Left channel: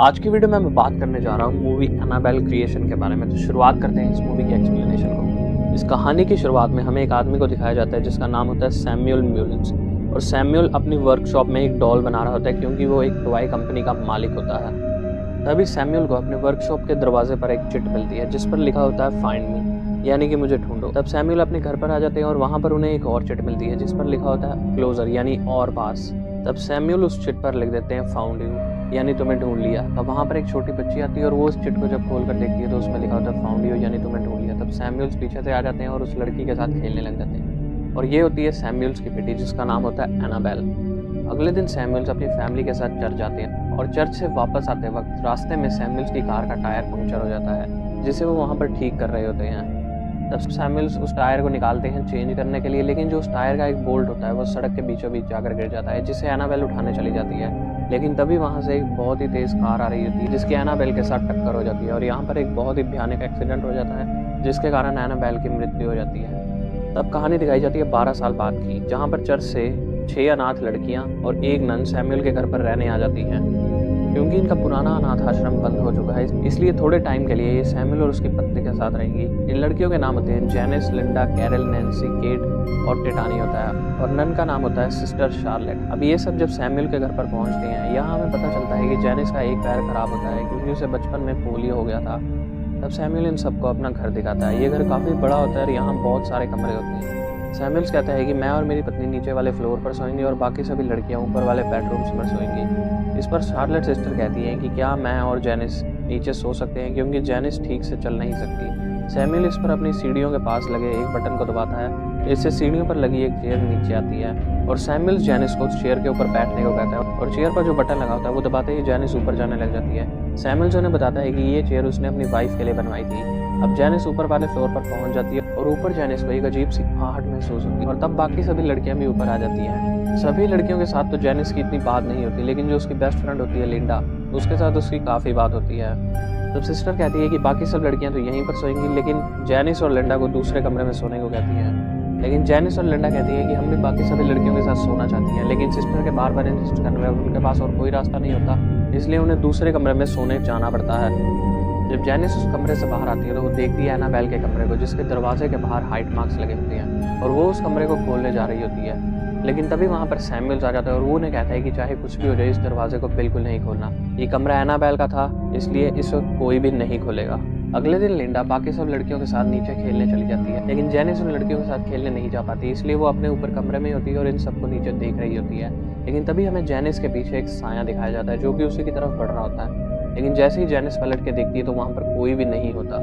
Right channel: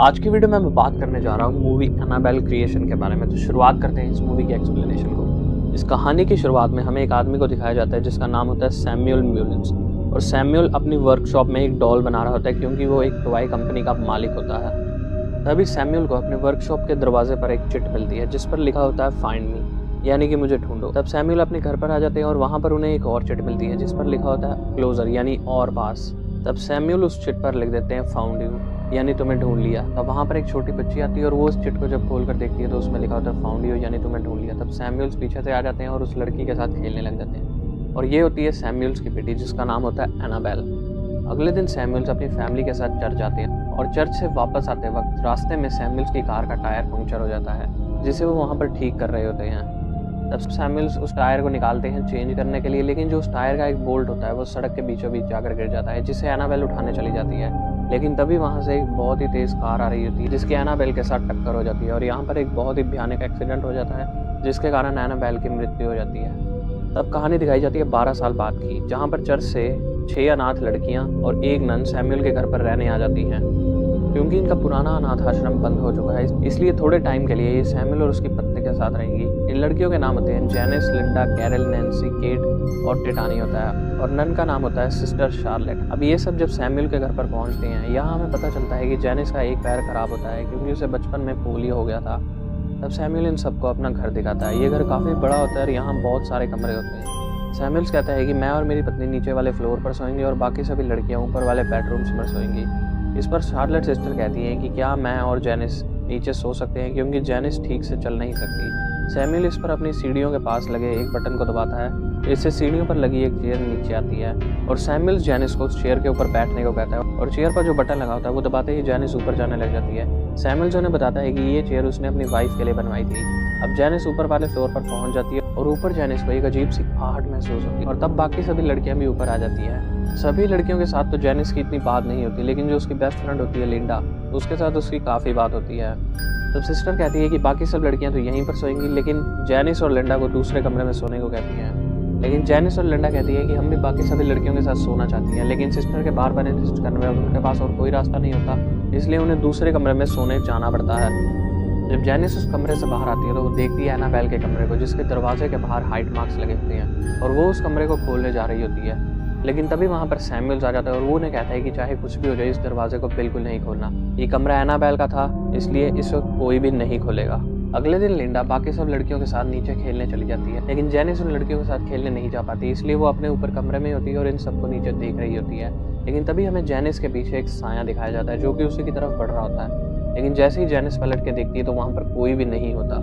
आज की वीडियो में मैं बात करने जा रहा हूँ मूवी एनाबेल क्रिएशन के बारे में। तो शुरुआत करते हैं इस मूवी की एक्सप्लेनेशन को। इस कहानी की शुरुआत में हमें एक आदमी को दिखाया जाता है जिसका नाम होता है सैमुअल म्यूलिन्स। और सैमुअल अपनी वर्कशॉप में एक डॉल बना रहा होता है क्योंकि वो एक टॉय कंपनी का मालिक होता है। तभी सैमुअल को अपने वर्कशॉप के दरवाजे पर एक चिट मिलती है जिस पर लिखा होता है फाइंड मी, यानी कि मुझे ढूंढो। तब सैमुअल अपने घर पर आ जाते हैं और वहाँ पर उन्हें एक और चिट मिलती है जिस पर लिखा होता है क्लोजर, यानी और पास। तब सैमुअल उस चिट पर लिख देते हैं फाउंड यू, यानी तुम्हें ढूंढ लिया। तब वहाँ पर एक छोटी बच्ची आती है और वो उस चिट को जब खोल कर देखती है तो उसमें लिखा होता है फाउंड यू, यानी तुम्हें ढूंढ लिया। तब सैमुअल्स पीछे से आ जाते हैं और उस लड़की के साथ खेलने लग जाते हैं और ये होती है सैमुअल्स की बेटी जिसका नाम होता है एनाबेल। अगले दिन सैमुअल्स अपनी फैमिली के साथ चर्च जाते हैं और चर्च से वापस आते वक्त रास्ते में सैमुअल्स की कार का टायर पंक्चर हो जाता है जिसे वो वहाँ पर ठीक कर रहे होते हैं। तब सैमुअल्स उस टायर को निकालते हैं चेंज करने के लिए, लेकिन जो उस टायर का एक बोल्ट होता है वो सड़क के बीचों बीच जाकर गिर जाता है जिसे एनाबेल उठाने चली जाती है। लेकिन तभी वहाँ से एक बहुत ही तेज कार आ रही होती है जिसकी एनाबेल के साथ टक्कर हो जाती है और यहाँ पर एक बहुत ही भयानक एक्सीडेंट हो जाता है जिसके कारण एनाबेल की मृत्यु हो जाती है। तब कहानी दिखाई जाती है 12 साल बाद की, जहाँ पर चर्च से 6 अनाथ लड़कियां और एक नन सैमुअल के घर पर रहने आ जाती हैं। क्योंकि इनका पुराना अनाथ आश्रम बंद हो चुका है इसलिए थोड़े टाइम के लिए ये सैमुअल और उसकी पत्नी के साथ रहेंगी। इन लड़कियों के नाम होते हैं Janice, Linda, Carol, Nancy, Kate और टिटानी होता है और नन का नाम होता है सिस्टर शार्लेट। अब ये सब जब सैमुअल के घर पर पहुंचते हैं यहाँ हमें पता चलता है कि जेनिस का एक पैर खराब होता है क्योंकि उसे बचपन में पोलियो हो गया था। तब सैमुअल इन सबको अपना घर दिखाता है। ये घर काफ़ी बड़ा होता है और यहाँ बहुत सारे कमरे होते हैं। सैमुअल्स कहता है कि मैं और मेरी पत्नी नीचे वाले फ्लोर पर सोएंगे और बाकी सभी लड़कियां ऊपर वाले बेडरूम्स में सोएंगी। इस पर शार्लेट सिस्टर कहती है कि क्या मैं और जेनिस नीचे सो सकते हैं क्योंकि जेनिस ठीक से चल नहीं सकती। सैमुअल इस पर अपनी सीढ़ियों के पास लगे एक बटन को दबाता है, इससे सीढ़ियों पर लगी एक चेयर नीचे आती है और सैमुअल जेनिस को उस चेयर के ऊपर बैठने को कहता है और चेयर पर जो बटन लगा होता है वो दबाते ही जेनिस ऊपर जाने लग जाती है। सैमुअल उन्हें बताता है कि ये चेयर उसने अपनी वाइफ के लिए बनवाई थी। अब जेनिस ऊपर वाले फ्लोर पर पहुंच जाती है और ऊपर जेनिस को एक अजीब सी आहट महसूस होती है और तब बाकी सभी लड़कियां भी ऊपर आ जाती हैं। सभी लड़कियों के साथ तो जेनिस की इतनी बात नहीं होती, लेकिन जो उसकी बेस्ट फ्रेंड होती है लिंडा, उसके साथ उसकी काफ़ी बात होती है। तब सिस्टर कहती है कि बाकी सब लड़कियां तो यहीं पर सोएंगी, लेकिन जेनिस और लिंडा को दूसरे कमरे में सोने को कहती है। लेकिन जेनिस और लिंडा कहती है कि हम भी बाकी सभी लड़कियों के साथ सोना चाहती हैं, लेकिन सिस्टर के बार बार इंसिस्ट करने पर उनके पास और कोई रास्ता नहीं होता, इसलिए उन्हें दूसरे कमरे में सोने जाना पड़ता है। जब जेनिस उस कमरे से बाहर आती है तो वो देखती है एनाबेल के कमरे को जिसके दरवाजे के बाहर हाइट मार्क्स लगे होते हैं और वो उस कमरे को खोलने जा रही होती है। लेकिन तभी वहाँ पर सैमुअल्स आ जाता है और वो उन्हें कहता है कि चाहे कुछ भी हो जाए इस दरवाजे को बिल्कुल नहीं खोलना। ये कमरा एनाबेल का था इसलिए इस वक्त कोई भी नहीं खोलेगा। अगले दिन लिंडा बाकी सब लड़कियों के साथ नीचे खेलने चली जाती है, लेकिन जेनिस उन लड़कियों के साथ खेलने नहीं जा पाती, इसलिए वो अपने ऊपर कमरे में होती है और इन सबको नीचे देख रही होती है। लेकिन तभी हमें जेनिस के पीछे एक साया दिखाया जाता है जो कि उसी की तरफ बढ़ रहा होता है। लेकिन जैसे ही जेनिस पलट के देखती है तो वहाँ पर कोई भी नहीं होता।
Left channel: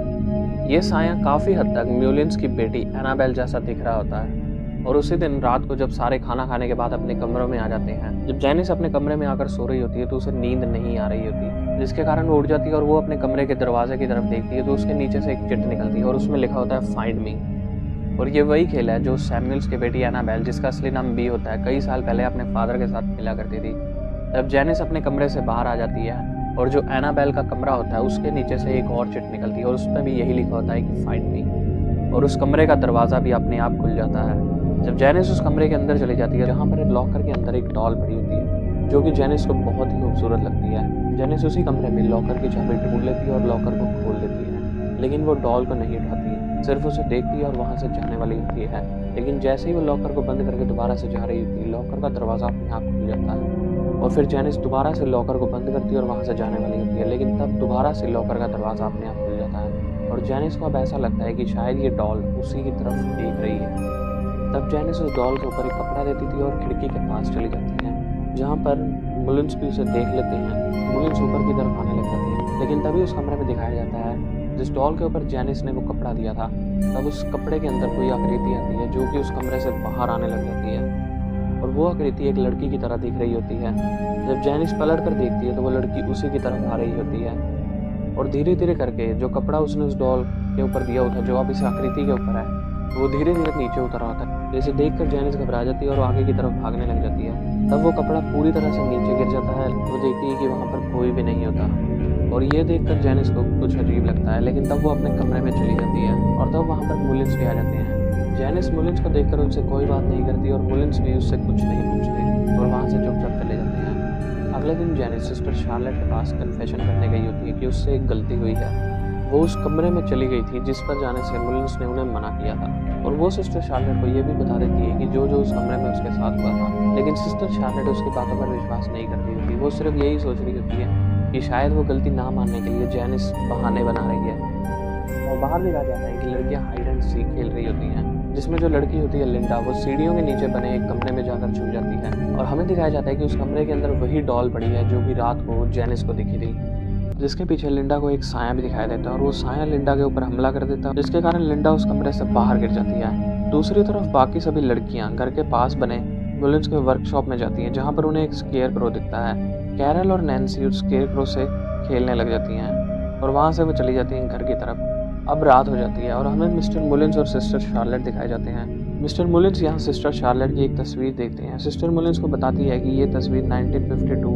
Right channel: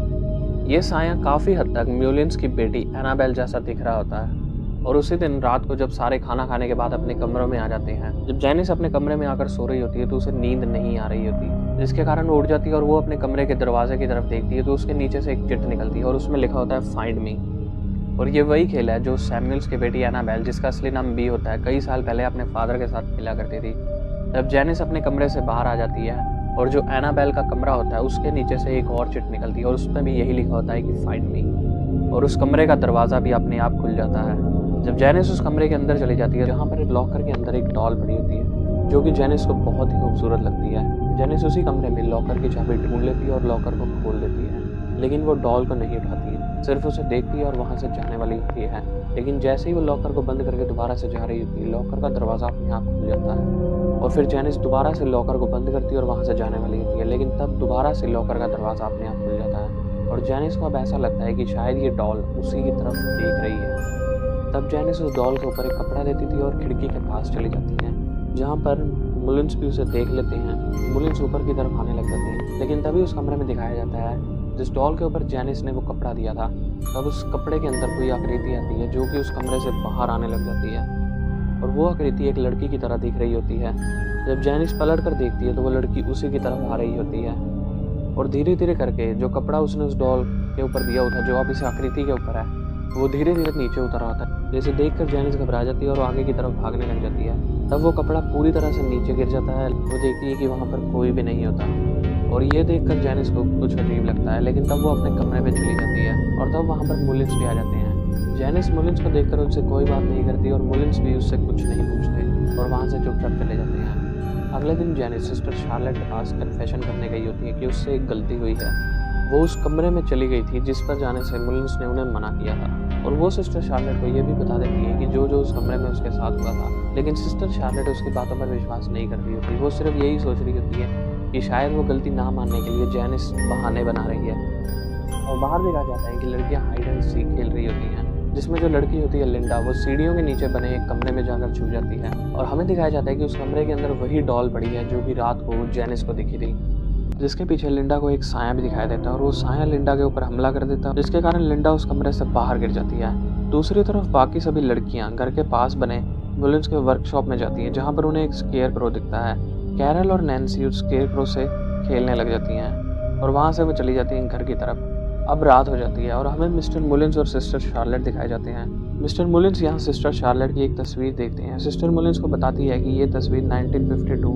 ये साया काफ़ी हद तक म्यूलिन्स की बेटी एनाबेल जैसा दिख रहा होता है। और उसी दिन रात को जब सारे खाना खाने के बाद अपने कमरों में आ जाते हैं, जब जेनिस अपने कमरे में आकर सो रही होती है तो उसे नींद नहीं आ रही होती, जिसके कारण वो उठ जाती है और वो अपने कमरे के दरवाजे की तरफ देखती है तो उसके नीचे से एक चिट निकलती है और उसमें लिखा होता है फाइंड मी। और ये वही खेल है जो सैमुअल्स की बेटी एनाबेल, जिसका असली नाम बी होता है, कई साल पहले अपने फादर के साथ खेला करती थी। तब जेनिस अपने कमरे से बाहर आ जाती है और जो एनाबेल का कमरा होता है उसके नीचे से एक और चिट निकलती है और उसमें भी यही लिखा होता है कि फाइंड मी। और उस कमरे का दरवाज़ा भी अपने आप खुल जाता है। जब जेनिस उस कमरे के अंदर चली जाती है जहाँ पर एक लॉकर के अंदर एक डॉल पड़ी होती है जो कि जेनिस को बहुत ही खूबसूरत लगती है। जेनिस उसी कमरे में लॉकर की चाबी ढूंढ लेती है और लॉकर को खोल देती है, लेकिन वो डॉल को नहीं उठाती, सिर्फ उसे देखती है और वहाँ से जाने वाली होती है। लेकिन जैसे ही वो लॉकर को बंद करके दोबारा से जा रही होती है, लॉकर का दरवाज़ा अपने आप खुल जाता है और फिर जेनिस दोबारा से लॉकर को बंद करती है और वहाँ से जाने वाली होती है। लेकिन तब दोबारा से लॉकर का दरवाज़ा अपने आप खुल जाता है और जेनिस को अब ऐसा लगता है कि शायद ये डॉल उसी की तरफ देख रही है। तब जेनिस उस डॉल के ऊपर एक कपड़ा देती थी और खिड़की के पास चली जाती है, जहाँ पर मुलिन्स भी उसे देख लेते हैं। मुलिन्स ऊपर की तरफ आने लग जाते हैं, लेकिन तभी उस कमरे में दिखाया जाता है जिस डॉल के ऊपर जेनिस ने वो कपड़ा दिया था, तब उस कपड़े के अंदर कोई आकृति आती है जो कि उस कमरे से बाहर आने लग जाती है और वो आकृति एक लड़की की तरह दिख रही होती है। जब जेनिस पलट कर देखती है तो वो लड़की उसी की तरफ आ रही होती है और धीरे धीरे करके जो कपड़ा उसने उस डॉल के ऊपर दिया होता है जो अब इस आकृति के ऊपर है, वो धीरे धीरे नीचे उतर आता है। जैसे देखकर जेनिस घबरा जाती है और आगे की तरफ भागने लग जाती है। तब वो कपड़ा पूरी तरह से नीचे गिर जाता है। वो देखती है कि वहाँ पर कोई भी नहीं होता और ये देखकर जेनिस को कुछ अजीब लगता है, लेकिन तब वो अपने कमरे में चली जाती है और तब वहाँ पर मुलिन्स भी आ जाते हैं। जेनिस मुलिन्स को देखकर उनसे कोई बात नहीं करती और मुलिन्स भी उससे कुछ नहीं पूछते और वहाँ से चुपचाप चले जाते हैं। अगले दिन जेनिस सिस्टर शार्लेट के पास कन्फेशन करने गई होती है कि उससे एक गलती हुई है। वो उस कमरे में चली गई थी जिस पर जाने से मुलिन्स ने उन्हें मना किया था, और वो सिस्टर शार्लेट को ये भी बता देती है कि जो जो उस कमरे में उसके साथ हुआ था। लेकिन सिस्टर शार्लेट उसकी बातों पर विश्वास नहीं कर रही होती। वो सिर्फ यही सोच रही होती है कि शायद वो गलती ना मानने के लिए जेनिस बहाने बना रही है। और बाहर दिखाया जाता है कि लड़कियां हाइड एंड सीक खेल रही होती हैं, जिसमें जो लड़की होती है लिंडा, वो सीढ़ियों के नीचे बने एक कमरे में जाकर छुप जाती है। और हमें दिखाया जाता है कि उस कमरे के अंदर वही डॉल पड़ी है जो कि रात को जेनिस को दिखी थी, जिसके पीछे लिंडा को एक साया भी दिखाई देता है, और वो साया लिंडा के ऊपर हमला कर देता है, जिसके कारण लिंडा उस कमरे से बाहर गिर जाती है। दूसरी तरफ बाकी सभी लड़कियां घर के पास बने मुलिन्स के वर्कशॉप में जाती हैं, जहां पर उन्हें एक स्केयर क्रो दिखता है। कैरल और नैन्सी उस स्केयर क्रो से खेलने लग जाती हैं और वहां से वो चली जाती हैं घर की तरफ। अब रात हो जाती है और हमें मिस्टर मुलिन्स और सिस्टर शार्लेट दिखाए जाते हैं। मिस्टर मुलिन्स यहाँ सिस्टर शार्लेट की एक तस्वीर देखते हैं। सिस्टर मुलिन्स को बताती है कि ये तस्वीर 1952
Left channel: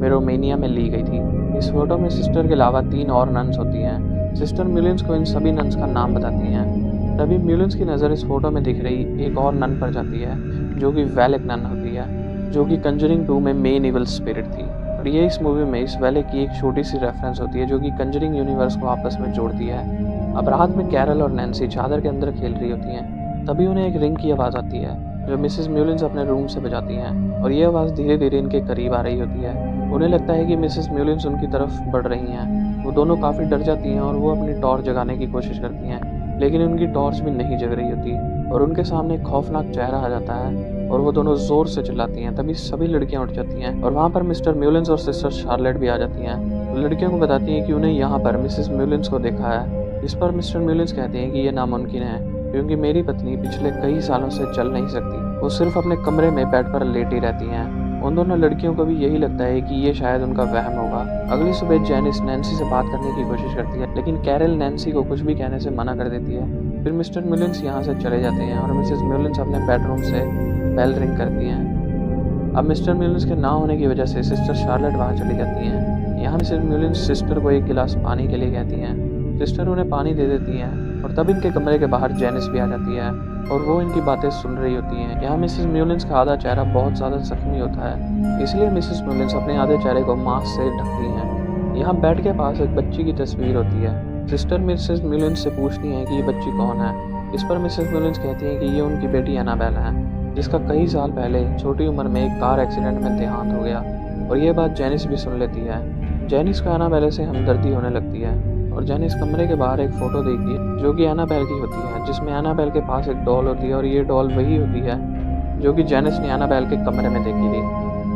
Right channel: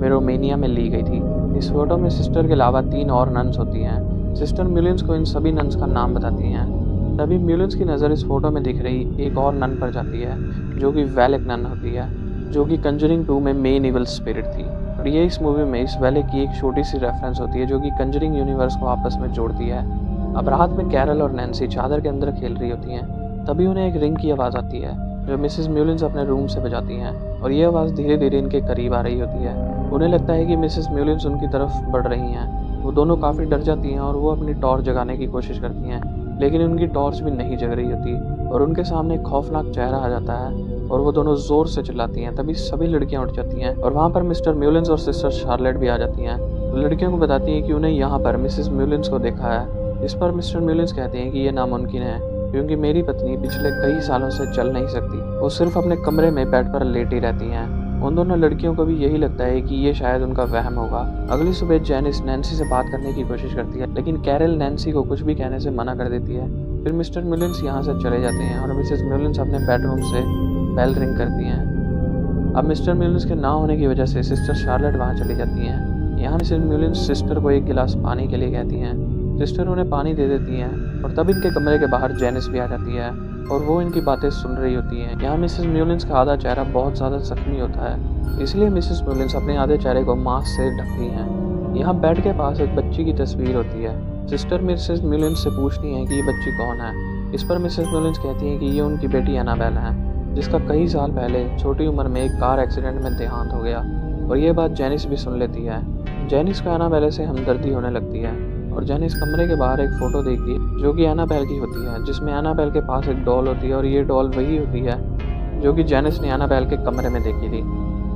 में रोमेनिया में ली गई थी। इस फोटो में सिस्टर के अलावा 3 और नन्स होती हैं। सिस्टर मुलिन्स को इन सभी नन्स का नाम बताती हैं। तभी मुलिन्स की नज़र इस फोटो में दिख रही एक और नन पर जाती है, जो कि वेलेक नन होती है, जो कि कंजरिंग 2 में मेन इवल स्पिरिट थी। और ये इस मूवी में इस वेलेक की एक छोटी सी रेफरेंस होती है, जो कि कंजरिंग यूनिवर्स को आपस में जोड़ती है। अब रात में कैरल और नैन्सी चादर के अंदर खेल रही होती हैं। तभी उन्हें एक रिंग की आवाज़ आती है, जो मिसेस मुलिन्स अपने रूम से बजाती हैं, और ये आवाज़ धीरे धीरे इनके करीब आ रही होती है। उन्हें लगता है कि मिसेस मुलिन्स उनकी तरफ बढ़ रही हैं। वो दोनों काफ़ी डर जाती हैं और वो अपनी टॉर्च जगाने की कोशिश करती हैं, लेकिन उनकी टॉर्च भी नहीं जग रही होती, और उनके सामने एक खौफनाक चेहरा आ जाता है और वो दोनों जोर से चिल्लाती हैं। तभी सभी लड़कियां उठ जाती हैं और वहाँ पर मिस्टर मुलिन्स और सिस्टर शार्लेट भी आ जाती हैं। वो लड़कियों को बताती हैं कि उन्हें यहाँ पर मिसेस मुलिन्स को देखा है। इस पर मिस्टर मुलिन्स कहते हैं कि ये नामुमकिन है, क्योंकि मेरी पत्नी पिछले कई सालों से चल नहीं सकती, वो सिर्फ अपने कमरे में बेड पर लेटी रहती हैं। उन दोनों लड़कियों को भी यही लगता है कि ये शायद उनका वहम होगा। अगली सुबह जेनिस नैन्सी से बात करने की कोशिश करती है, लेकिन कैरल नैन्सी को कुछ भी कहने से मना कर देती है। फिर मिस्टर मुलिन्स यहाँ से चले जाते हैं और मिसेस मुलिन्स अपने बेडरूम से बेल रिंग करती हैं। अब मिस्टर मुलिन्स के ना होने की वजह से सिस्टर शार्लेट वहाँ चली जाती हैं। यहाँ मिसेस मुलिन्स सिस्टर को एक गिलास पानी के लिए कहती हैं। सिस्टर उन्हें पानी दे देती हैं और तब इनके कमरे के बाहर जेनिस भी आ जाती है और वो इनकी बातें सुन रही होती हैं। यहाँ मिसेस मुलिन्स का आधा चेहरा बहुत ज़्यादा जख्मी होता है, इसलिए मिसेस मुलिन्स अपने आधे चेहरे को मास्क से ढकती हैं। यहाँ बेड के पास एक बच्ची की तस्वीर होती है। सिस्टर मिसेस मुलिन्स से पूछती हैं कि ये बच्ची कौन है। इस पर मिसेस मुलिन्स कहती हैं कि ये उनकी बेटी एनाबेल है, जिसका कई साल पहले छोटी उम्र में एक कार एक्सीडेंट में देहांत हो गया। और ये बात जेनिस भी सुन लेती है। जेनिस को एनाबेल से हमदर्दी होने लगती है और जेनिस कमरे के बाहर एक फ़ोटो देखती है, जो कि एनाबेल की होती है, जिसमें एनाबेल के पास एक डॉल होती है, और ये डॉल वही होती है जो कि जेनिस ने एनाबेल के कमरे में देखी थी।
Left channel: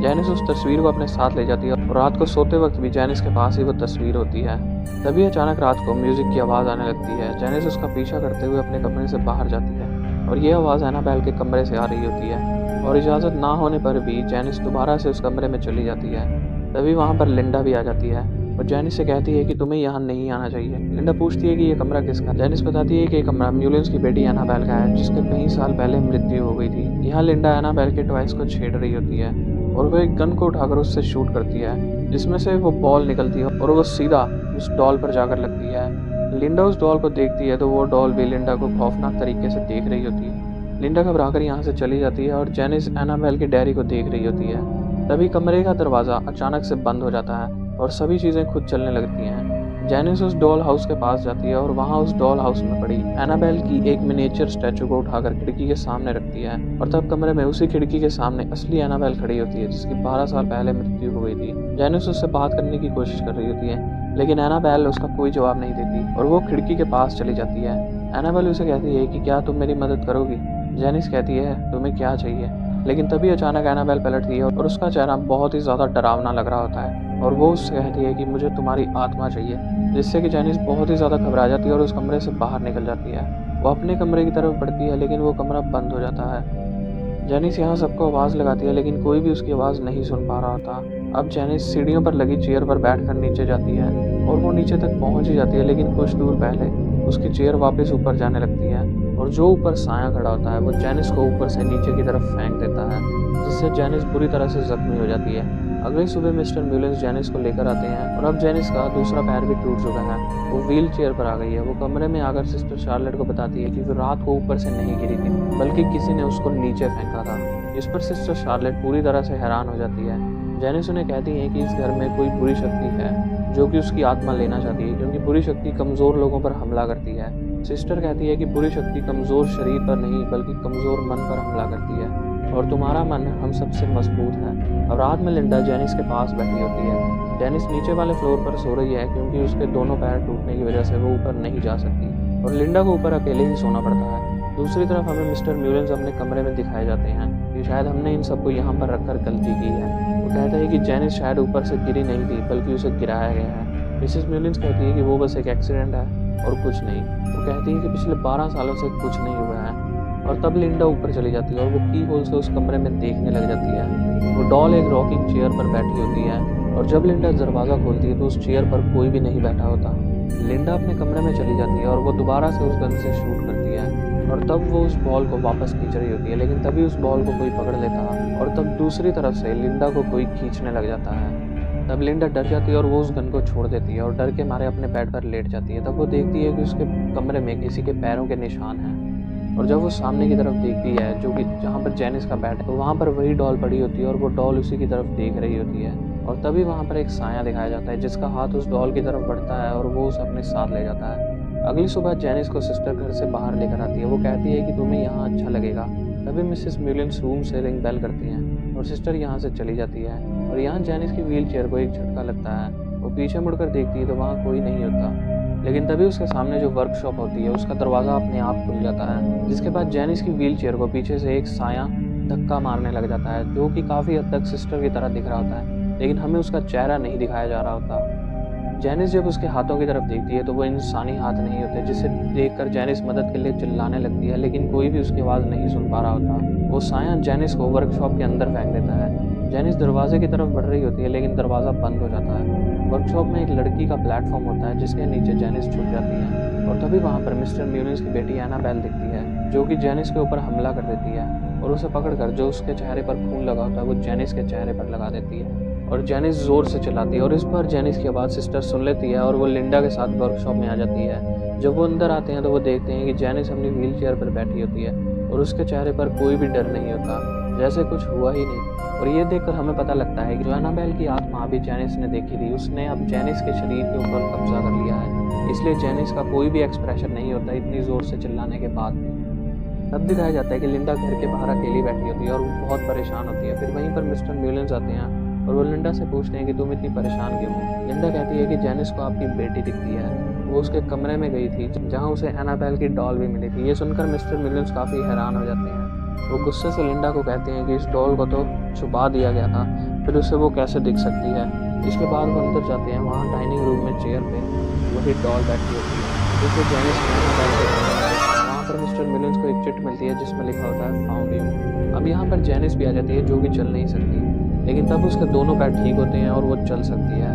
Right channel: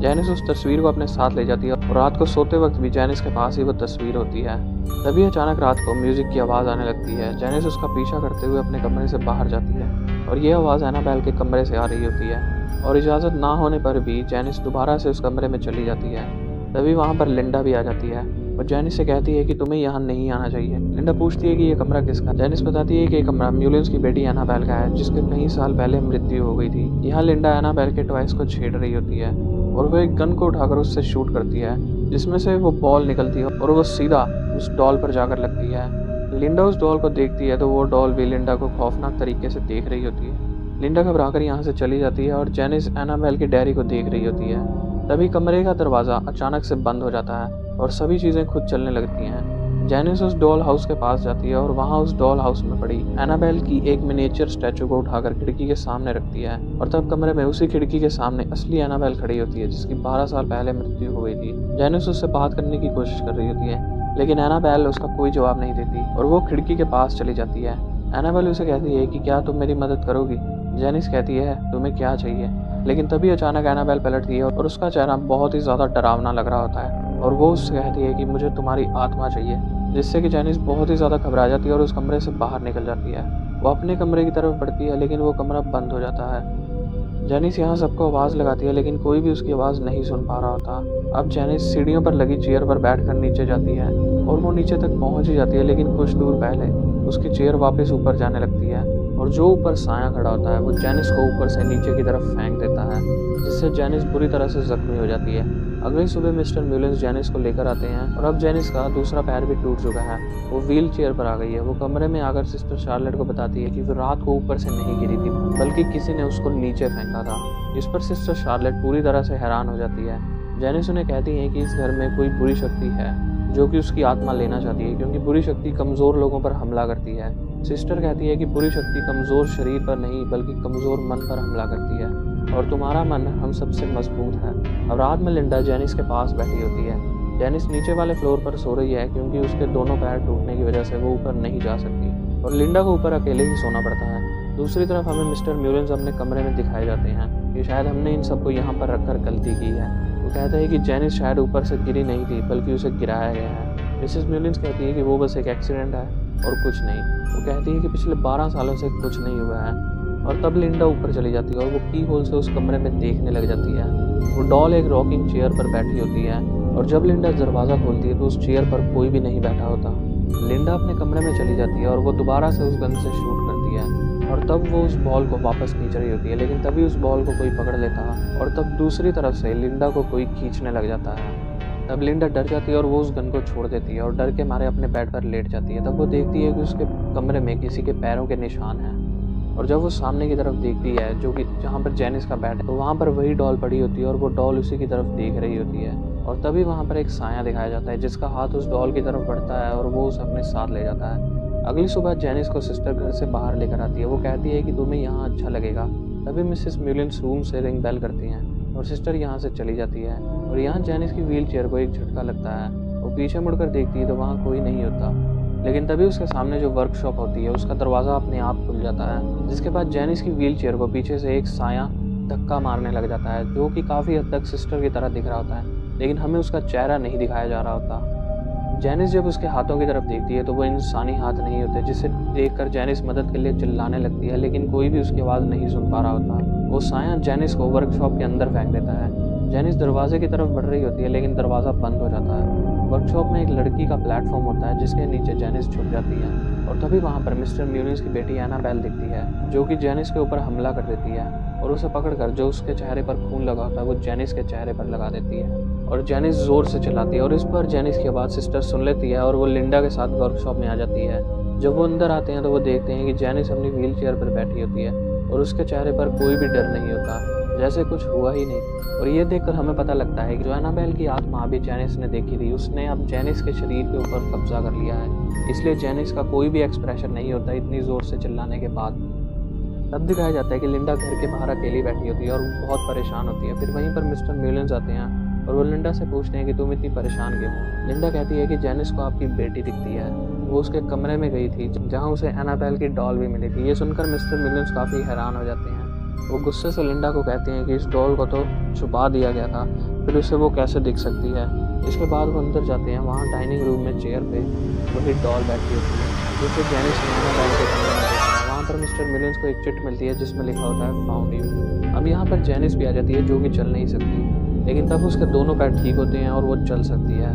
जेनिस उस तस्वीर को अपने साथ ले जाती है और रात को सोते वक्त भी जेनिस के पास ही वो तस्वीर होती है। तभी अचानक रात को म्यूज़िक की आवाज़ आने लगती है। जेनिस उसका पीछा करते हुए अपने कमरे से बाहर जाती है और ये आवाज़ एनाबेल के कमरे से आ रही होती है, और इजाज़त ना होने पर भी जेनिस दोबारा से उस कमरे में चली जाती है। तभी वहाँ पर लिंडा भी आ जाती है और जेनिस से कहती है कि तुम्हें यहाँ नहीं आना चाहिए। लिंडा पूछती है कि ये कमरा किसका है। जेनिस बताती है कि ये कमरा मुलिन्स की बेटी एनाबेल का है, जिसके कई साल पहले मृत्यु हो गई थी। यहाँ लिंडा एनाबेल के टॉयज को छेड़ रही होती है और वो एक गन को उठाकर उससे शूट करती है, जिसमें से वो बॉल निकलती है और वो सीधा उस डॉल पर जाकर लगती है। लिंडा उस डॉल को देखती है तो वो डॉल भी लिंडा को खौफनाक तरीके से देख रही होती है। लिंडा घबराकर यहाँ से चली जाती है और जेनिस एनाबेल की डायरी को देख रही होती है। तभी कमरे का दरवाज़ा अचानक से बंद हो जाता है और सभी चीज़ें खुद चलने लगती हैं। जेनिस उस डॉल हाउस के पास जाती है और वहाँ उस डॉल हाउस में पड़ी एनाबेल की एक मिनिएचर स्टैचू को उठाकर खिड़की के सामने रखती है, और तब कमरे में उसी खिड़की के सामने असली एनाबेल खड़ी होती है, जिसकी 12 साल पहले मृत्यु हो गई थी। जेनिस उससे बात करने की कोशिश कर रही होती है, लेकिन एनाबेल उसका कोई जवाब नहीं देती और वो खिड़की के पास चली जाती है। एनाबेल उसे कहती है कि क्या तुम मेरी मदद करोगी। जेनिस कहती है तुम्हें क्या चाहिए, लेकिन तभी अचानक एनाबेल पलटती है और उसका चेहरा बहुत ही ज़्यादा डरावना लग रहा होता है और वो उससे कहती है कि मुझे तुम्हारी आत्मा चाहिए, जिससे कि जेनिस बहुत ही ज़्यादा घबरा जाती है और उस कमरे से बाहर निकल जाती है। वो अपने कमरे की तरफ बढ़ती है, लेकिन वो कमरा बंद हो जाता है। जेनिस यहाँ सबको आवाज़ लगाती है, लेकिन कोई भी उसकी आवाज़ नहीं सुन पा रहा होता। अब जेनिस सीढ़ियों पर लगी चेयर पर बैठकर नीचे जाती है और वो नीचे तक पहुँच ही जाती है, लेकिन कुछ दूर पहले उसकी चेयर वापस ऊपर जाने लगती है और जो ऊपर साया खड़ा होता है वो जेनिस को ऊपर से नीचे की तरफ फेंक देता है, जिससे जेनिस बुरी तरह से जख्मी हो जाती है। अगली सुबह मिस्टर मुलिन्स जेनिस को लेकर आते हैं और अब जेनिस का दूसरा पैर भी टूट चुका है। वो व्हील चेयर पर आ गई है। वो कमरे में आकर सिस्टर शार्लेट को बताती है कि वो रात को ऊपर से नहीं गिरी थी, बल्कि किसी ने उसको नीचे फेंका था। इस पर सिस्टर शार्लेट पूरी तरह से हैरान हो जाती है। जेनिस उन्हें कहती है कि इस घर में कोई बुरी शक्ति है जो कि उसकी आत्मा लेना चाहती है, क्योंकि बुरी शक्ति कमज़ोर लोगों पर हमला करती है। सिस्टर कहती है कि बुरी शक्ति कमज़ोर शरीर पर नहीं बल्कि कमज़ोर मन पर हमला करती है, और तुम्हारा मन हम सबसे मजबूत है। अब रात में लिंडा जेनिस के पास बैठी होती है। जेनिस नीचे वाले फ्लोर पर सो रही है क्योंकि उसके दोनों पैर टूटने की वजह से वो ऊपर नहीं जा सकती, और लिंडा को ऊपर अकेले ही सोना पड़ता है। दूसरी तरफ हमें मिस्टर म्यूलेंस अपने कमरे में दिखाए जाते हैं कि शायद हमने इन सबको यहाँ पर रखकर गलती की है। वो कहता है कि जेनिस शायद ऊपर से गिरी नहीं थी बल्कि उसे गिराया गया है। मिसेस म्यूलेंस कहती है कि वो बस एक एक्सीडेंट है और कुछ नहीं। वो कहती है कि पिछले 12 सालों से कुछ नहीं हुआ है, और तब लिंडा ऊपर चली जाती है और वो की होल से उस कमरे में देखने लग जाती है। वो डॉल एक रॉकिंग चेयर पर बैठी होती है, और जब लिंडा दरवाज़ा खोलती है तो उस चेयर पर कोई भी नहीं बैठा होता। लिंडा अपने कमरे में चली जाती है और वो दोबारा से उस गन से शूट करती है, और तब वो उस बॉल को वापस खींच रही होती है, लेकिन तभी उस बॉल को कोई पकड़ लेता है, और तब दूसरी तरफ से लिंडा को कोई खींचने लग जाता है। तब लिंडा डर जाती है और वो उस गन को छोड़ देती है और डर के मारे अपने बेड पर लेट जाती है। तब वो देखती है कि उसके कमरे में किसी के पैरों के निशान हैं, और जब वो सामने की तरफ देखती है जो कि जहाँ पर जेनिस का बेड है, तो वहाँ पर वही डॉल पड़ी होती है और वो डॉल उसी की तरफ देख रही होती है। और तभी वहाँ पर एक साया दिखाया जाता है जिसका हाथ उस डॉल की तरफ बढ़ता है और वो उसे अपने साथ ले जाता है। अगली सुबह जेनिस को सिस्टर घर से बाहर लेकर आती है। वो कहती है कि तुम्हें यहाँ अच्छा लगेगा। तभी मिसेस म्यूलेंस रूम से रिंग बेल करती हैं और सिस्टर यहाँ से चली जाती है, और यहाँ जेनिस की व्हील चेयर को एक झटका लगता है। वो पीछे मुड़कर देखती है तो वहाँ कोई नहीं होता, लेकिन तभी उसके सामने जो वर्कशॉप होती है उसका दरवाज़ा अपने आप खुल जाता है, जिसके बाद जेनिस की व्हील चेयर को पीछे से एक साया धक्का मारने लग जाता है, जो कि काफ़ी हद तक सिस्टर की तरह दिख रहा होता है, लेकिन हमें उसका चेहरा नहीं दिखाया जा रहा होता। जेनिस जब उसके हाथों की तरफ देखती है तो वो इंसानी हाथ नहीं होते, जिसे देखकर जेनिस मदद के लिए चिल्लाने लगती है, लेकिन कोई भी उसकी आवाज़ नहीं सुन पा रहा होता। वो साया जेनिस को वर्कशॉप के अंदर फेंक देता है। जेनिस दरवाजे की तरफ बढ़ रही होती है, लेकिन दरवाज़ा बंद हो जाता है। वर्कशॉप में एक लड़की का प्लेटफॉर्म होता है जिसके नीचे जेनिस छुप जाती है, और तभी वहाँ पर मिस्टर म्यूलेंस की बेटी एनाबेल दिखती है, जो कि जेनिस के ऊपर हमला कर देती है, और उसे पकड़कर जो उसके चेहरे पर खून लगा होता है वो जेनिस के चेहरे पर लगा देती है, और जेनिस जोर से चिल्लाती है, और इस पर जेनिस की आवाज़ सिस्टर सुन लेती है और वो लिंडा के साथ वर्कशॉप में आ जाती है। जब वो अंदर आते हैं तो वो देखते हैं कि जेनिस अपनी व्हील चेयर पर बैठी होती है और उसके चेहरे पर कोई भी डर नहीं होता, जैसे कुछ हुआ ही नहीं। और ये देखकर हमें पता लगता है कि जो एनाबेल की आत्मा अभी जेनिस ने देखी थी, उसने अब जेनिस के शरीर के ऊपर कब्जा कर लिया है, इसलिए जेनिस का कोई भी एक्सप्रेशन नहीं होता इतनी ज़ोर से चिल्लाने के बाद भी। तब दिखाया जाता है कि लिंडा घर के बाहर अकेली बैठी होती है और वो बहुत परेशान होती है। फिर वहीं पर मिस्टर म्यूलेंस आते हैं और वो लिंडा से पूछते हैं कि तुम इतनी परेशान क्यों हो। लिंडा कहती है कि जेनिस को आपकी बेटी दिखती है, वो उसके कमरे में गई थी जहाँ उसे एनाबेल की डॉल भी मिली थी। ये सुनकर मिस्टर म्यूलेंस काफ़ी हैरान हो जाते हैं। वो गुस्से से लिंडा को कहते हैं कि इस डॉल को तो छुपा दिया गया था, फिर उससे वो कैसे दिख सकती है। इसके बाद वो अंदर जाते हैं। वहाँ डाइनिंग रूम में चेयर पे वही डॉल बैठी होती है जिसे जेनिस ने एनाबेल के कमरे में देखा है। वहाँ पर मिस्टर म्यूलेंस को एक चिट मिलती है जिसमें लिखा होता है फाउंड यू। अब यहाँ पर जेनिस भी आ जाती है जो कि चल नहीं सकती, लेकिन तब उसके दोनों पैर ठीक होते हैं और वो चल सकती है।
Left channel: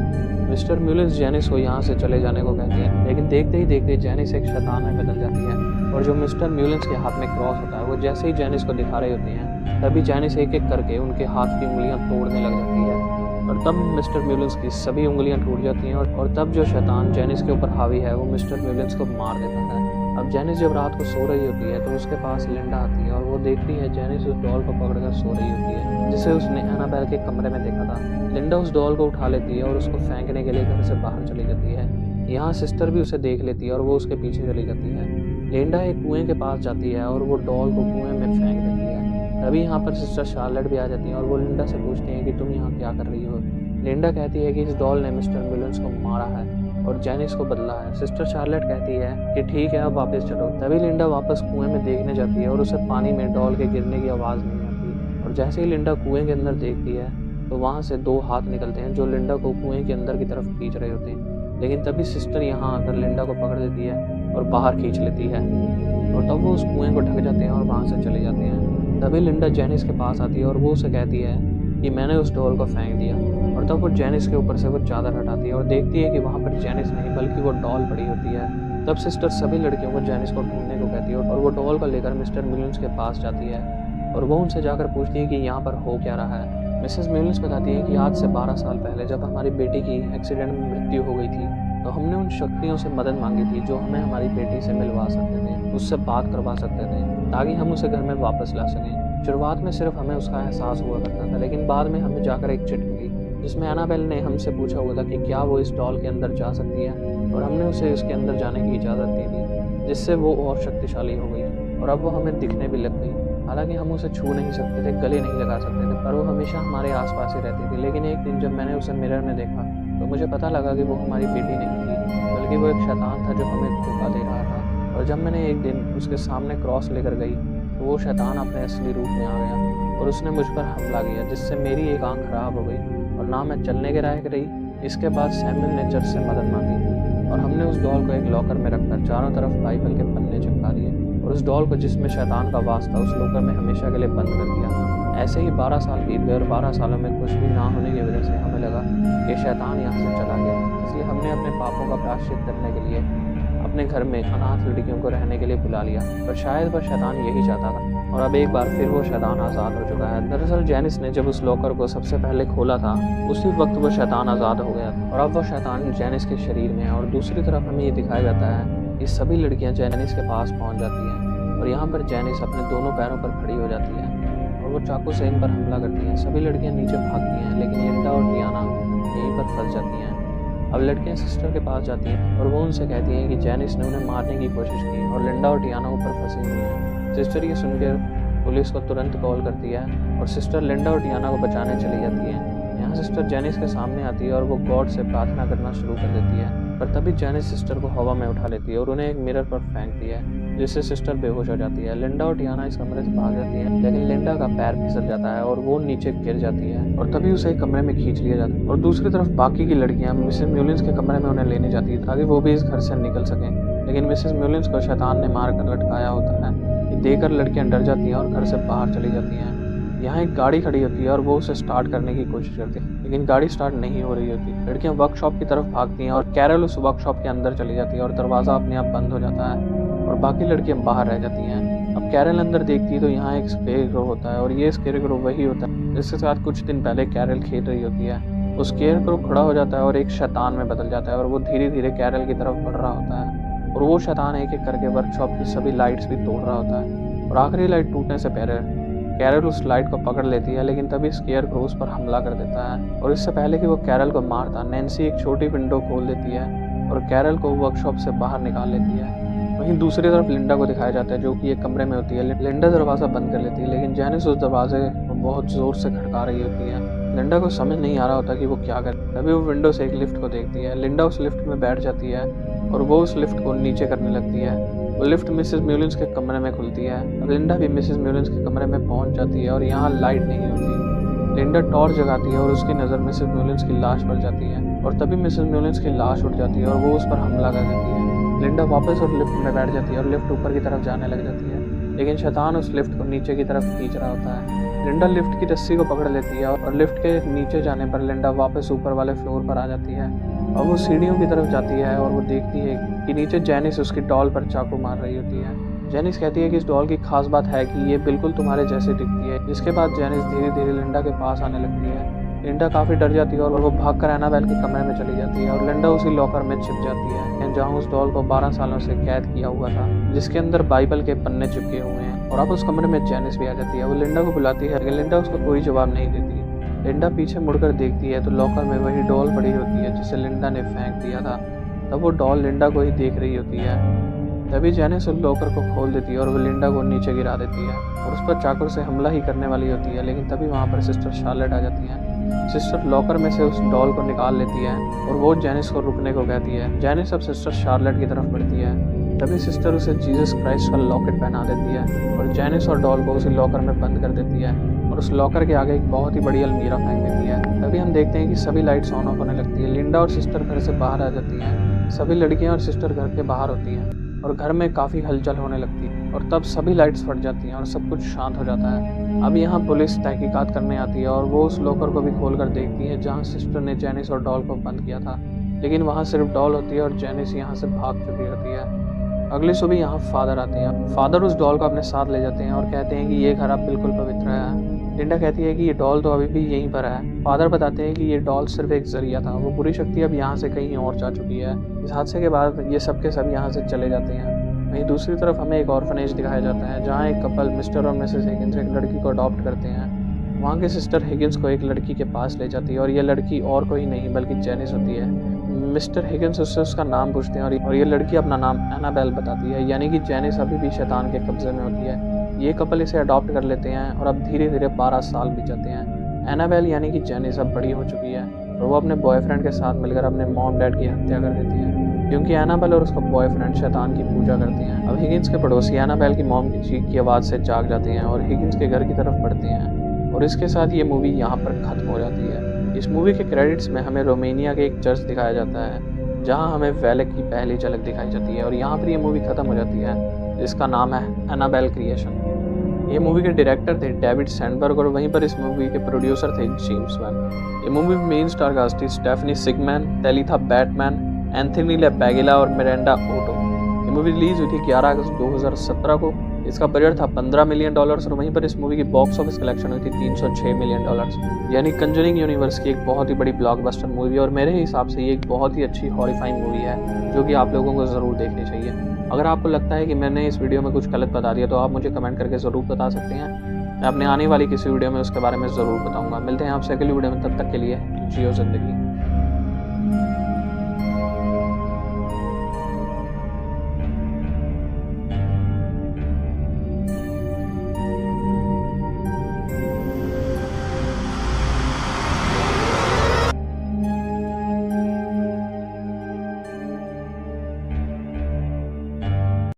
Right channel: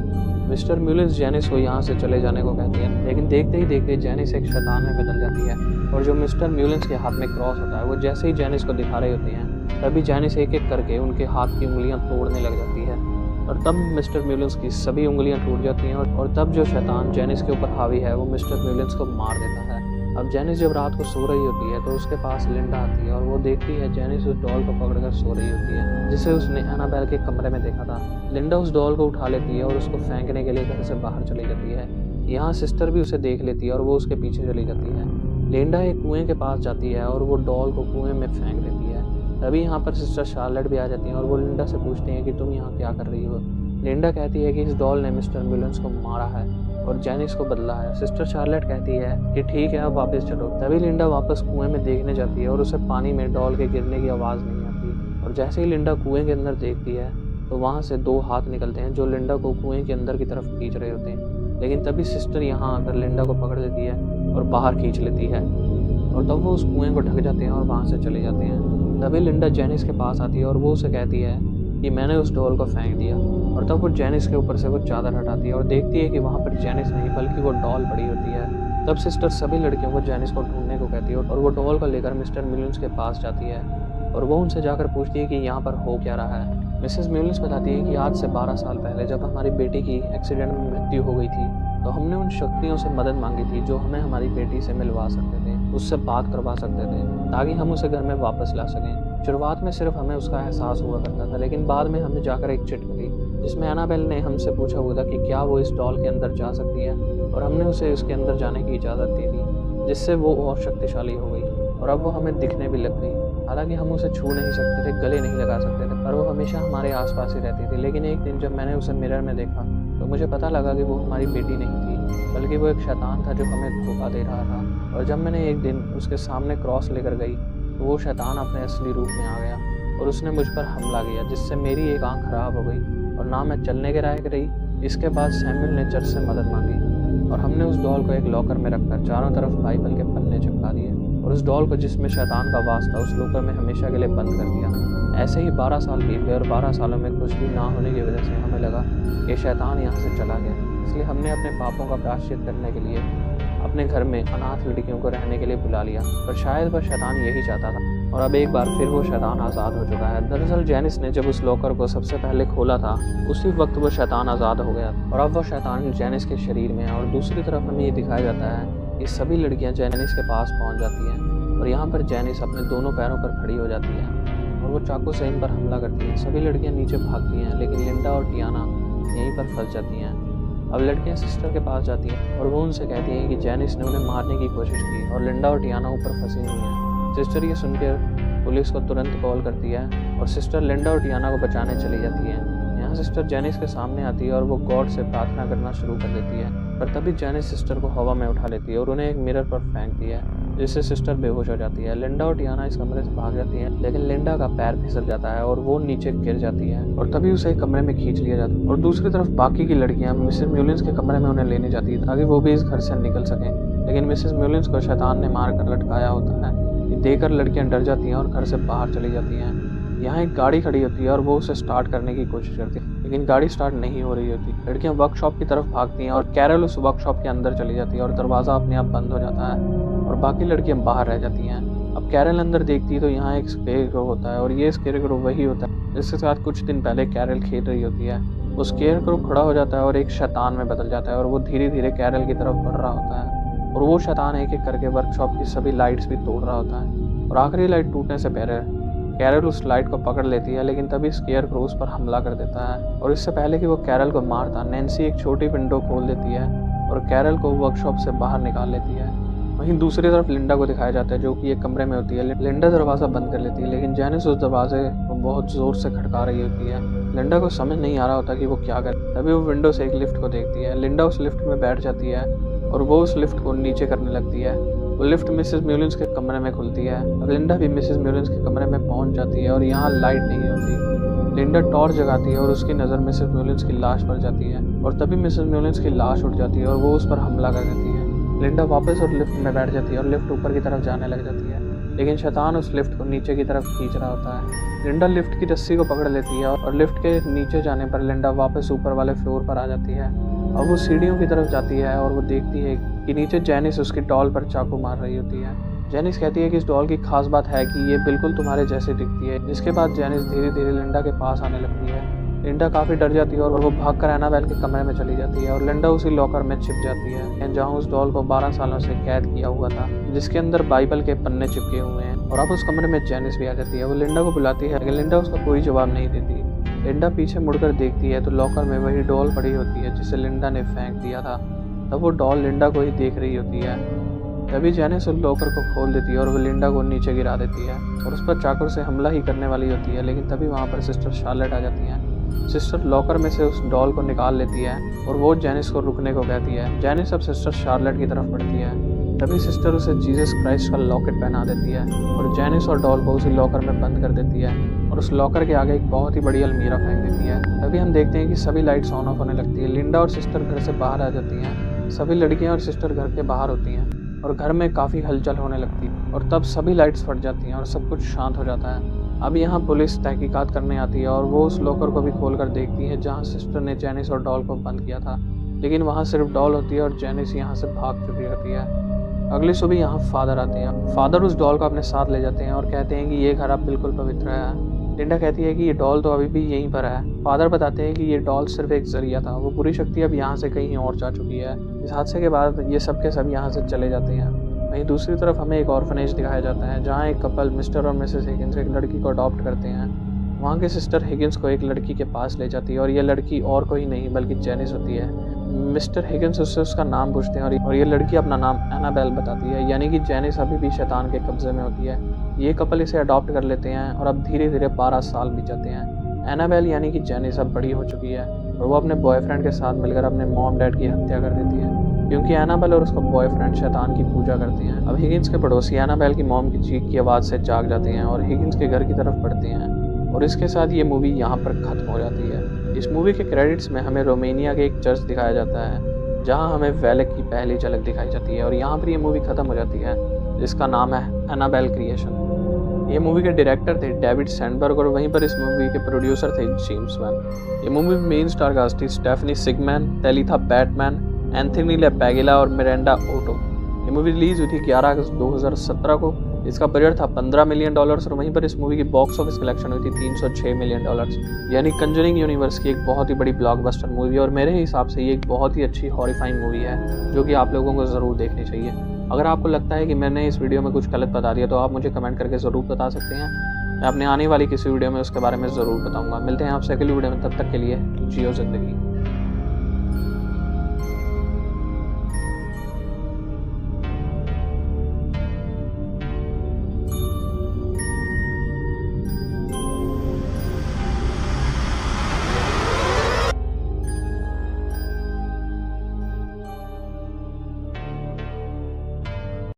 मिस्टर म्यूलेंस जेनिस को यहाँ से चले जाने को कहते हैं, लेकिन देखते ही देखते जेनिस एक शैतान में बदल जाती है, और जो मिस्टर म्यूलेंस के हाथ में क्रॉस होता है वो जैसे ही जेनिस को दिखा रही होती हैं, तभी जेनिस एक एक करके उनके हाथ की उंगलियां तोड़ने लग जाती है, और तब मिस्टर म्यूलेंस की सभी उंगलियां टूट जाती हैं, और तब जो शैतान जेनिस के ऊपर हावी है वो मिस्टर म्यूलेंस को मार देता है। अब जेनिस जब रात को सो रही होती है तो उसके पास लिंडा आती है और वो देखती है जेनिस उस डॉल को पकड़कर सो रही होती है जिसे उसने एनाबेल के कमरे में देखा था। लिंडा उस डॉल को उठा लेती है और उसको फेंकने के लिए घर से बाहर चली जाती है। यहाँ सिस्टर भी उसे देख लेती है और वो उसके पीछे चली जाती है। लिंडा एक कुएं के पास जाती है और वो डॉल को कुएं में फेंक देती है। तभी यहाँ पर सिस्टर शार्लेट भी आ जाती है और वो लिंडा से पूछती हैं कि तुम यहाँ क्या कर रही हो। लिंडा कहती है कि इस डॉल ने मिस्टर म्यूलेंस को मारा है और जेनिस को बदला है। सिस्टर शार्लेट कहती है कि ठीक है अब वापस चलो। तभी लिंडा वापस कुएं में देखने जाती है और उसे पानी में डॉल के गिरने की आवाज़ नहीं आती, और जैसे ही लिंडा कुएं के अंदर देखती है तो वहाँ से 2 हाथ निकलते हैं जो लिंडा को कुएं के अंदर की तरफ खींच रहे होते हैं, लेकिन तभी सिस्टर यहाँ आकर लिंडा को पकड़ लेती है और बाहर खींच लेती है, और तब वो उस कुएं को ढक जाते हैं और वहाँ से चले जाते हैं। तभी लिंडा जेनिस के पास आती है और वो उसे कहती है कि मैंने उस डॉल को फेंक दिया, और तब वो जेनिस के ऊपर से वो चादर हटाती है और देखती है कि वहाँ पर जेनिस नहीं बल्कि वो डॉल पड़ी होती है। तब सिस्टर सभी लड़कियों को जेनिस को ढूंढने को कहती है और वो डॉल को लेकर मिस्टर म्यूलेंस के पास जाती है और वो उनसे जाकर पूछती है कि यहाँ पर हो क्या रहा है। मिसेस म्यूलिन्स बताती हैं कि आज से 12 साल पहले जब हमारी बेटी की एक्सीडेंट में मृत्यु हो गई थी, तो हमने उन शक्तियों से मदद मांगी थी जो हमें हमारी बेटी से मिलवा सकते थे, उससे बात करवा सकते थे, ताकि हम उसे घर में वापस ला सकें। शुरुआत में सिर्फ हमें उसका एहसास हुआ करता था, लेकिन बाद में हमें जाकर एक चिट मिली जिसमें एनाबेल ने हमसे पूछा हुआ था कि क्या वो इस डॉल के अंदर जा सकती है, और हमने उसे उसके अंदर जाने की इजाज़त दी थी, जिससे वो और शक्तिशाली हो गई और अब वो हमें दिखने भी लग गई। हालांकि हम उसे छू नहीं सकते थे, गले नहीं लगा सकते थे, पर वो हमेशा हमारे आसपास ही रहती थी। लेकिन एक दिन जब मैंने उसे मिरर में देखा तो मुझे पता लगा कि वो हमारी बेटी नहीं थी, बल्कि वो एक शैतान था जो हमें धोखा दे रहा था। और जब मैंने एक दिन उसके सामने क्रॉस लेकर गई तो वो शैतान अपने असली रूप में आ गया और उसने मुझ पर हमला किया, जिससे मेरी एक आंख खराब हो गई और ना मैं चलने के लायक रही। इसके बाद सैमुअल ने चर्च से मदद मांगी और हमने उस डॉल को एक लॉकर में रखकर चारों तरफ बाइबल के पन्ने चिपका दिए और उस डॉल को, जिसमें शैतान का वास था, उस लॉकर में हमेशा के लिए बंद कर दिया। ऐसे ही 12 साल बीत गए और 12 सालों में कुछ भी ना होने की वजह से हमें लगा कि शैतान यहाँ से चला गया। इसलिए हमने अपने पापों का प्रायश्चित करने के लिए अपने घर में अनाथ लड़कियों को रहने के लिए बुला लिया, पर शायद वह शैतान यही चाहता था और अब एक बार फिर वो शैतान आज़ाद हो चुका है। दरअसल जेनिस ने जब उस लॉकर को सबसे पहले खोला था, उसी वक्त वो शैतान आज़ाद हो गया था और अब वो शैतान जेनिस के शरीर में है। और दूसरी तरफ हमें ये दिखाया जाता है कि सभी लड़कियां जेनिस के पास पहुंच जाती हैं और यहाँ पर जेनिस अपने दोनों पैरों पर खड़ी हो जाती है और वो चाकू से इन पर हमला करती हैं। सभी लड़कियां नीचे भागती हैं, लेकिन लिंडा और टियाना यहीं पर फंस जाती हैं। अब लड़कियां सिस्टर के पास जाती हैं और वो उनसे कहती हैं कि जेनिस ने उन्हें मारने की कोशिश की और लिंडा और टियाना ऊपर फंसी हुई हैं। सिस्टर ये सुनकर पुलिस को तुरंत कॉल करती है और सिस्टर लिंडा और टियाना को बचाने चली जाती है। यहाँ सिस्टर जेनिस के सामने आती है और वो गॉड से प्रार्थना करना शुरू कर देती है, पर तभी जेनिस सिस्टर को हवा में उठा लेती है और उन्हें एक मिरर पर फेंकती है, जिससे सिस्टर बेहोश हो जाती है। लिंडा और टियाना इस कमरे से भाग जाती हैं, लेकिन लिंडा का पैर फिसल जाता है और वो नीचे गिर जाती है और तभी उसे कमरे में खींच लिया जाता है। और दूसरी तरफ बाकी की लड़कियां मिसेस म्यूलिन्स के कमरे में उन्हें लेने जाती है ताकि वो भी इस घर से निकल सकें, लेकिन मिसेस म्यूलिन्स को शैतान ने मार कर लटकाया होता है। ये देखकर लड़कियां डर जाती हैं और घर से बाहर चली जाती हैं। यहाँ एक गाड़ी खड़ी होती है और वो उसे स्टार्ट करने की कोशिश करती है, लेकिन गाड़ी स्टार्ट नहीं हो रही होती। लड़कियां वर्कशॉप की तरफ भागती हैं और कैरल उस वर्कशॉप के अंदर चली जाती है और दरवाज़ा अपने आप बंद हो जाता है और बाकी लड़कियां बाहर रह जाती हैं। अब कैरल अंदर देखती है तो यहाँ एक स्केरक्रो होता है और ये स्केरक्रो वही होता है जिसके साथ कुछ दिन पहले कैरल खेल रही होती है। वो स्केरक्रो खड़ा हो जाता है और एक शैतान में बदल जाता है और वो धीरे धीरे कैरल की तरफ बढ़ रहा होता है और वो शैतान एक एक करके वर्कशॉप की सभी लाइट्स भी तोड़ रहा होता है और आखिरी लाइट टूटने से पहले कैरल उस लाइट को पकड़ लेती है, लेकिन तभी स्केरक्रो उस पर हमला कर देता है और इससे पहले कि वो कैरल को मारता, नैन्सी एक छोटी विंडो खोल देती है और कैरल को वर्कशॉप से बाहर निकाल लेती है। वहीं दूसरी तरफ लिंडा को दिखाया जाता है जो कि एक कमरे में होती है। लिंडा दरवाज़ा बंद कर लेती है, लेकिन जेनिस उस दरवाजे को बहुत ज़ोर से खटका रही होती है। लिंडा को समझ नहीं आ रहा होता कि वो क्या करे। तभी वो विंडो से एक लिफ्ट को देखती है। लिंडा उस लिफ्ट में बैठ जाती है और वो उस लिफ्ट को नीचे करने लगती है। वो लिफ्ट मिसेस म्यूलिन्स के कमरे में खुलती है। अब लिंडा भी मिसेस म्यूलिन्स के कमरे में पहुंच जाती है और यहाँ लाइट नहीं होती। लिंडा टॉर्च जगाती है और उसकी नज़र मिसेस म्यूलिन्स की लाश पर जाती है और तभी मिसेस म्यूलिन्स की लाश उठ जाती है और वो उस पर हमला कर देती है। लिंडा वापस और लिफ्ट में बैठ जाती है और लिफ्ट ऊपर की तरफ जाने लग जाती है, लेकिन शैतान उस लिफ्ट को नीचे की तरफ खींच रहा होता है। लिंडा लिफ्ट की रस्सी को पकड़ लेती है और लिफ्ट के नीचे जाने पर लिंडा वापस ऊपर वाले फ्लोर पर आ जाती है। अब वो सीढ़ियों की तरफ जाती है और वो देखती है कि नीचे जेनिस उसकी डॉल पर चाकू मार रही होती है। जेनिस कहती है कि इस डॉल की खास बात है कि ये बिल्कुल तुम्हारे जैसी दिखती है। जिसके बाद जेनिस धीरे धीरे लिंडा के पास आने लगती है। लिंडा काफ़ी डर जाती है और वो भागकर एनाबेल के कमरे में चली जाती है और लिंडा उसी लॉकर में छिप जाती है जहाँ उस डॉल को 12 सालों से कैद किया हुआ था, जिसके अंदर बाइबल के पन्ने चिपके हुए हैं। और अब उस कमरे में जेनिस भी आ जाती है। वो लिंडा को बुलाती है, लेकिन लिंडा उसका कोई जवाब नहीं देती। लिंडा पीछे मुड़कर देखती है तो लॉकर में वही डॉल पड़ी होती है जिसे लिंडा ने फेंक दिया था। तब वो डॉल लिंडा को ही देख रही होती है। तभी जेनिस उस लॉकर को खोल देती है और वो लिंडा को नीचे गिरा देती है और उस पर चाकू से हमला ही करने वाली होती है, लेकिन तभी वहाँ पर सिस्टर शार्लेट आ जाती है। सिस्टर लॉकर में से उस डॉल को निकाल लेती है और वो जेनिस को रुकने को कहती है। जेनिस अब सिस्टर शार्लेट की तरफ बढ़ती है। तभी सिस्टर उसे जीसस क्राइस्ट का लॉकेट पहना देती है और जेनिस और डॉल को उसी लॉकर में बंद कर देती है और उस लॉकर के आगे एक बहुत ही बड़ी अलमीरा फेंक देती है। तभी हम देखते हैं कि सभी लाइट्स ऑन ऑफ होने लगती है। लिंडा और सिस्टर घर से बाहर आ जाती हैं। सभी लड़कियां और सिस्टर घर के बाहर होती हैं और घर में काफ़ी हलचल होने लगती है और तब सभी लाइट्स फट जाती हैं और सब कुछ शांत हो जाता है। अब यहाँ पुलिस तहकीकात करने आती है और वो उस लॉकर को भी खोल कर देखती है जहाँ सिस्टर ने जेनिस और डॉल को बंद किया था, लेकिन वहाँ सिर्फ डॉल होती है और जेनिस यहाँ से भाग चुकी होती है। अगली सुबह यहाँ फादर आते हैं। फादर उस डॉल को अपने साथ ले जाते हैं और कहते हैं कि ये घर अब बिल्कुल पवित्र है। लिंडा कहती है कि ये डॉल तो अभी भी यहीं पर है। फादर बताते हैं कि ये डॉल सिर्फ एक जरिया था, वो बुरी शक्ति अब यहाँ से कहीं और जा चुकी है। इस हादसे के बाद ये सब के सब यहाँ से चले जाते हैं। वहीं दूसरी तरफ हमें एक ऑर्फनेज दिखाया जाता है जहाँ एक कपल मिस्टर और मिसेस हिगिंस एक लड़की को अडॉप्ट करते हैं। वहाँ की सिस्टर हिगिंस को एक लड़की के पास ले जाती है और ये लड़की और कोई नहीं बल्कि जेनिस होती है। मिस्टर हिगिंस उससे उसका नाम पूछते हैं और ये लड़की अपना नाम एनाबेल बताती है, यानी कि जेनिस अभी भी शैतान के कब्जे में होती है। ये कपल इसे अडॉप्ट कर लेते हैं और अब धीरे धीरे 12 साल बीत जाते हैं। एनाबेल यानी कि जेनिस अब बड़ी हो चुकी है और वो अपने बॉयफ्रेंड के साथ मिलकर अपने मॉम डैड की हत्या कर देती है, क्योंकि एनाबेल और उसका बॉयफ्रेंड शैतान की पूजा करते हैं। अब हिगिंस के पड़ोसी एनाबेल की मॉम की चीख की आवाज़ से जाग जाते हैं और हिगिंस के घर की तरफ बढ़ते हैं और इसके साथ ये मूवी यहाँ पर ख़त्म हो जाती है। इस मूवी के क्रेडिट्स में हमें रोमेनिया के एक चर्च दिखाया जाता है जहाँ हमें वेलेक की पहली झलक दिखाई जाती है और यहाँ पर ये मूवी ख़त्म हो जाती है, जिसका नाम है एनाबेल क्रिएशन। ये मूवी के डायरेक्टर थे डेविड सैंडबर्ग और वहीं पर इस मूवी के प्रोड्यूसर थे जेम्स वैन। ये मूवी में मेन स्टार कास्ट थी स्टेफनी सिगमैन, टेलिथा बैटमैन, एंथनी लेपेगिला और मिरांडा ओटो। ये मूवी रिलीज हुई थी 11 अगस्त 2017 को। इसका बजट था $15 मिलियन और वहीं पर इस मूवी की बॉक्स ऑफिस कलेक्शन हुई थी $306 मिलियन, यानी कंजरिंग यूनिवर्स की एक बहुत ही बड़ी ब्लॉकबस्टर मूवी। और मेरे हिसाब से ये एक बहुत ही अच्छी हॉरिफाइंग मूवी है जो कि आप लोगों को ज़रूर देखनी चाहिए। अगर आपको लगता है कि मैंने इस वीडियो में कुछ गलत बता दिया तो आप मुझे कमेंट करके ज़रूर बता सकते हैं। मैं अपने आने वाली किसी वीडियो में उसके बारे में ज़रूर बताऊंगा। मिलते हैं आपसे अगली वीडियो में, तब तक के लिए जियो ज़िंदगी।